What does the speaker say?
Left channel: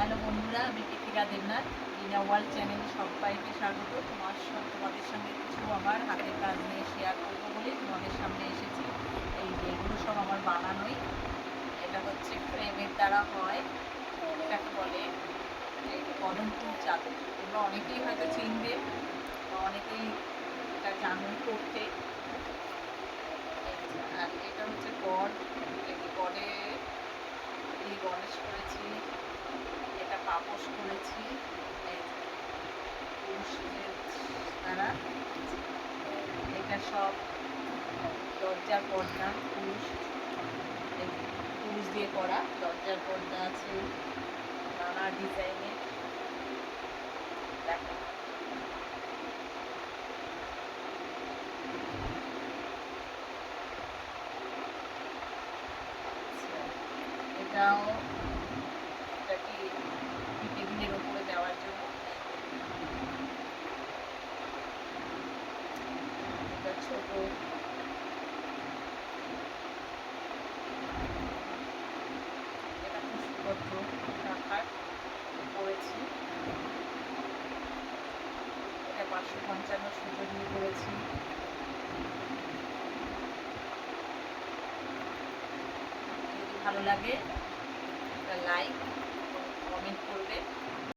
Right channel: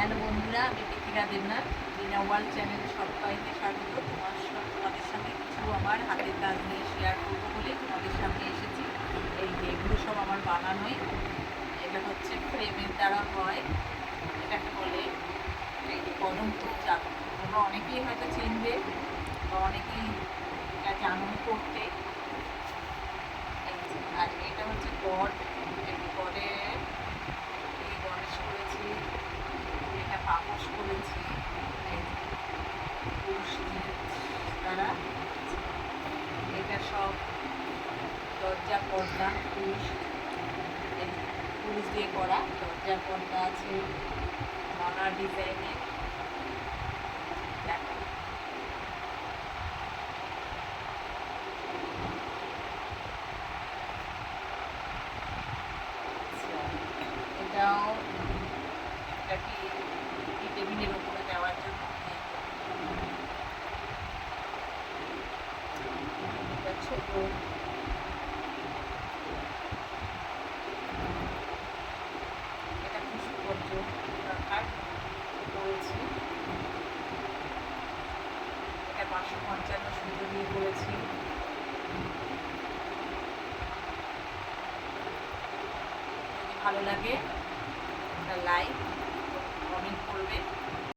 Hello বন্ধুরা, আমি টিকিরা দেবনাথ রিনা world channel সবাইকে স্বাগত। তোমাদের সঙ্গে কিছু আমার হাতের কাজ নিয়ে শেয়ার করবো বলে তোমাদের সামনে এসেছি। এই যে এগুলো সব আমার বানানোই। এটা হচ্ছে ফ্রেমের দ্বারা হয়, এটাকে বলে এই যে কদম ফুল চাদর। তোমরা অনেকেই হয়তো চিনবে বা অনেকেই এটা জানোই করতে। আর এটা হচ্ছে গড়, গড়ে এই গণেশ করেছি, এটা পাপোশ করেছি পুরুষ দ্বারা। এটা সব দরজার পর্দা, পুরুষ পুরুষ দিয়ে করা দরজার পর্দা আছে নানা ডিজাইনের। দেখো এটাও, এটা কি টেবিলের ওপরে দেওয়ার জন্য। এটা ছোট, এটা পুষ্পপত্র রাখার করেছি। এটা 555 সুতো দিয়ে করেছি। যদি ভালো লাগে একটা লাইক কমেন্ট করবে।